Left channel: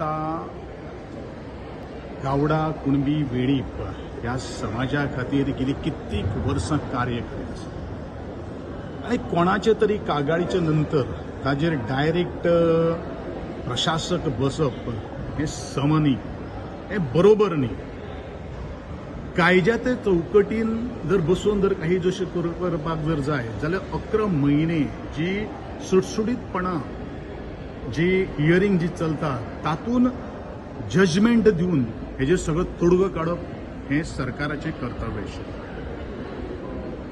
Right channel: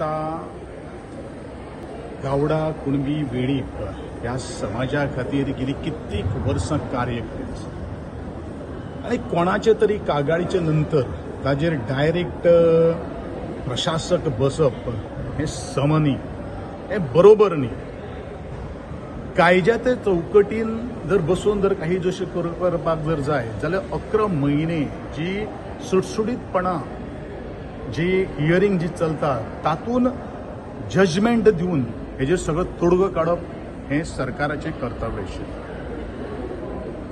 आता गावडा कुणबी वेळीप ह्या समाजा खातीर गेली कित्येक वर्सां कार्य करीत आसा आनी कोणाचे तरी कागाळीचे नंतर ताजेर डायरेक्ट प्रशासक बसप हे सम न्ही, हे बरोबर न्ही. कायद्या ते चौकटीन जर बसून जर काही जशें करपाक जर जाय जाल्यार 11 म्हयने जी सुटसुटीतपणां जी हियरिंग जी चलता तातूंत जजमेंट दिवन हेजे सगळो तोडगो काडप हें सरकाराचें कर्तव्य आशिल्लें.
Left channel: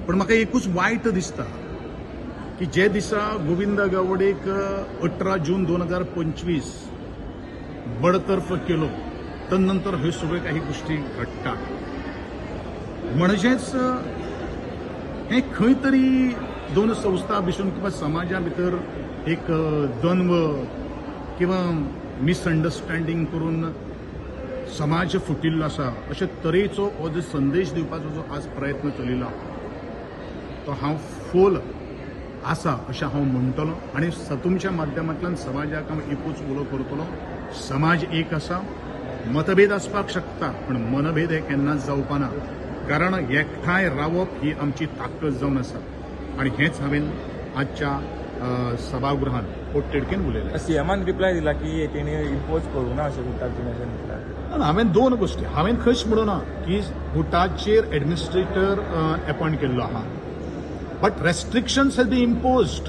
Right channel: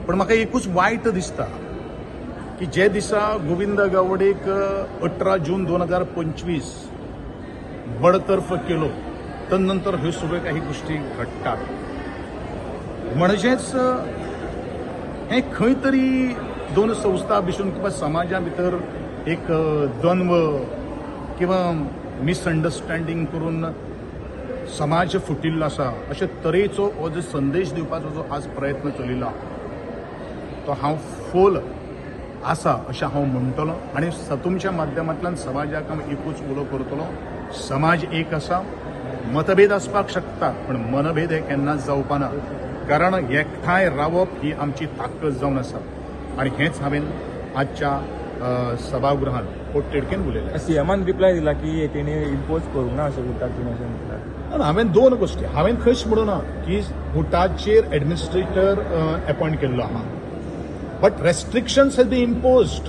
पण म्हाका एकूच वायट दिसता की जे दिसा गोविंद गावडेक 18 जून 2025 बडतर्फ केलो तदनंतर ह्यो सगळ्यो काही गोष्टी घडटात. म्हणजेच हे खंय तरी दोन संस्था भितर किंवा समाजा भितर एक द्वंद्व किंवा मिसअंडरस्टँडिंग करून समाज फुटिल्लो आसा अशे तरेचो हो जो संदेश दिवपाचो जो आज प्रयत्न चलिल्लो तो हांव फोल आसा अशें हांव म्हणटलों आनी तुमच्या माध्यमांतल्यान समाजाक हांव एकूच उलो करतलो. समाज एक आसा, मतभेद आसपाक शकता पण मनभेद हे केन्नाच जावपाना, कारण एकठांय रावप ही आमची ताकद जावन आसा आनी हेच हांवें आजच्या सभागृहात पोटतिडकीन उलयलें. सीएमान रिप्लाय दिला की तेणे इम्पोज करूंक ना अशें उरता. हांवें दोन गोश्टी हांवें खंयच म्हणूं ना की बुटाचेर एडमिनिस्ट्रेटर अपॉयंट केल्लो आहा, but restrictions have been imposed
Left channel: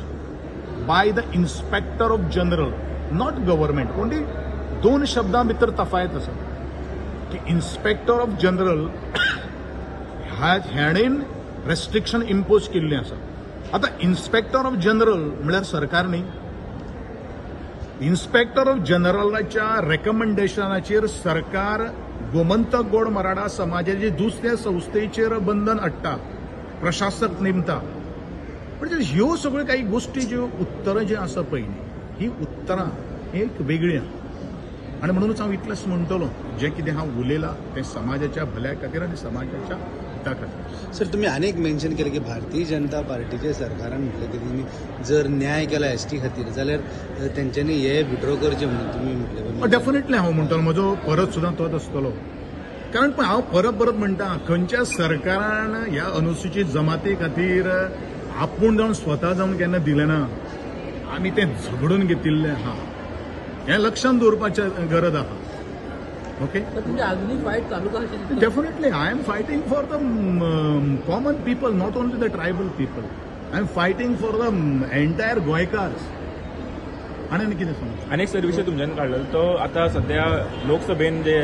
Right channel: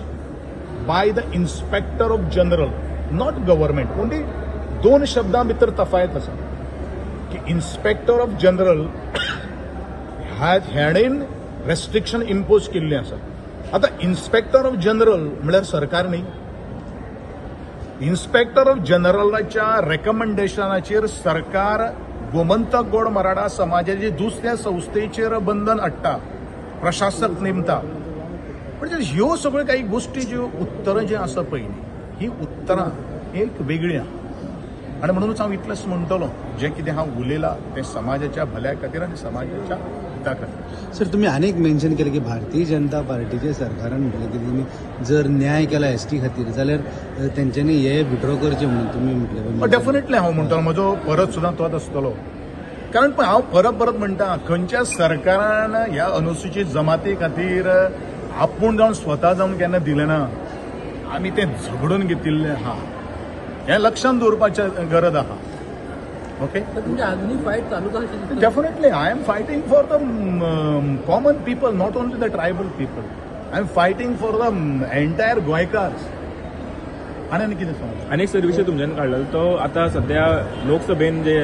by the inspector of general, not government. Only दोन शब्दां भितर तफावत आसा की इन्स्पेक्टर ऑफ जनरल हेणेन रेस्ट्रिक्शन इम्पोज केल्लें आसा. आता इन्स्पेक्टर ऑफ जनरल म्हळ्यार सरकार न्ही. इन्स्पेक्टर ऑफ जनरलाच्या रेकमेंडेशनाचेर सरकार गोमंतक गोड मराठा समाजाचे दुसऱ्या संस्थेचेर बंधन हाडटा, प्रशासक नेमता. म्हणजे ह्यो सगळ्यो काही गोष्टी ज्यो उत्तरां जे आसा पळय न्ही, ही उत्तरां एक वेगळी आहा आनी म्हणूनच हांव इतलेंच म्हणटलो जें कितें हांव उलयलां तें समाजाच्या भल्या खातीर आनी समाजाच्या हिता खातीर. सर, तुम्ही अनेक मेन्शन केले की भारतीय जनता पार्टीच्या सरकारान म्हटलें की त्यांनी जर न्याय केला एसटी खातीर जाल्यार तेंच्यांनी हे विड्रॉ करचे म्हणून तुम्ही म्हटलें. डेफिनेटली हांव म्हणटलो, म्हजो परत सुद्दां तोच आसतलो. कारण पण हांव परत म्हणटा खंयच्या सरकारान ह्या अनुसूचित जमाती खातीर आपूण जावन स्वता जावन केन्ना दिलें ना. आमी तें झगडून घेतिल्लें आहा, हें लक्षांत दवरपाचें गरज आहा. Okay, definitely I am fighting for the common people, not only the tribal people. I am fighting for the entire गोंयकार्स. आनी कितें सांग आनीक सर विशय तुमच्यान कळलो तो आतां सध्या लोकसभेन जे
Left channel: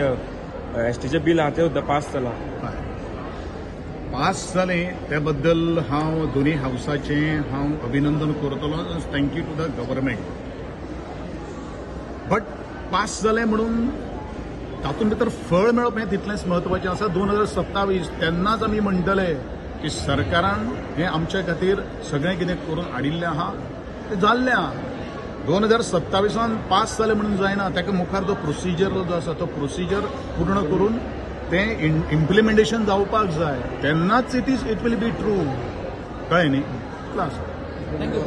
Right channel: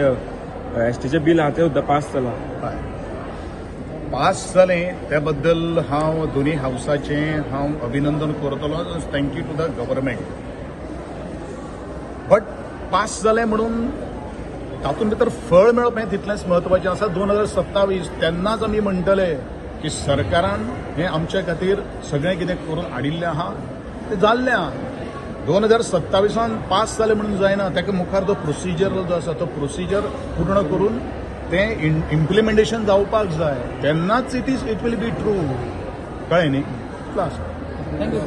एसटीचें बिल आहा तें सुद्दां पास जालां. पास जालें त्या बद्दल हांव दोनी हावसाचें हांव अभिनंदन करतलो. Thank you to the government. But pass जालें म्हणून तातूंत भितर फळ मेळप हें तितलेंच म्हत्वाचें आसा. 2027 तेन्नाच आमी म्हणटले की सरकारान हें आमचे खातीर सगळें कितें करून हाडिल्लें आहा तें जाल्लें आहा. 2027 पास जालें म्हणून जायना, ताका मुखार जो प्रोसिजर जो आसा तो प्रोसिजर पूर्ण करून तें इम्प्लिमेंटेशन जावपाक जाय, तेन्नाच इट वील बी ट्रू. कळ्ळें न्ही. क्लास. थँक्यू.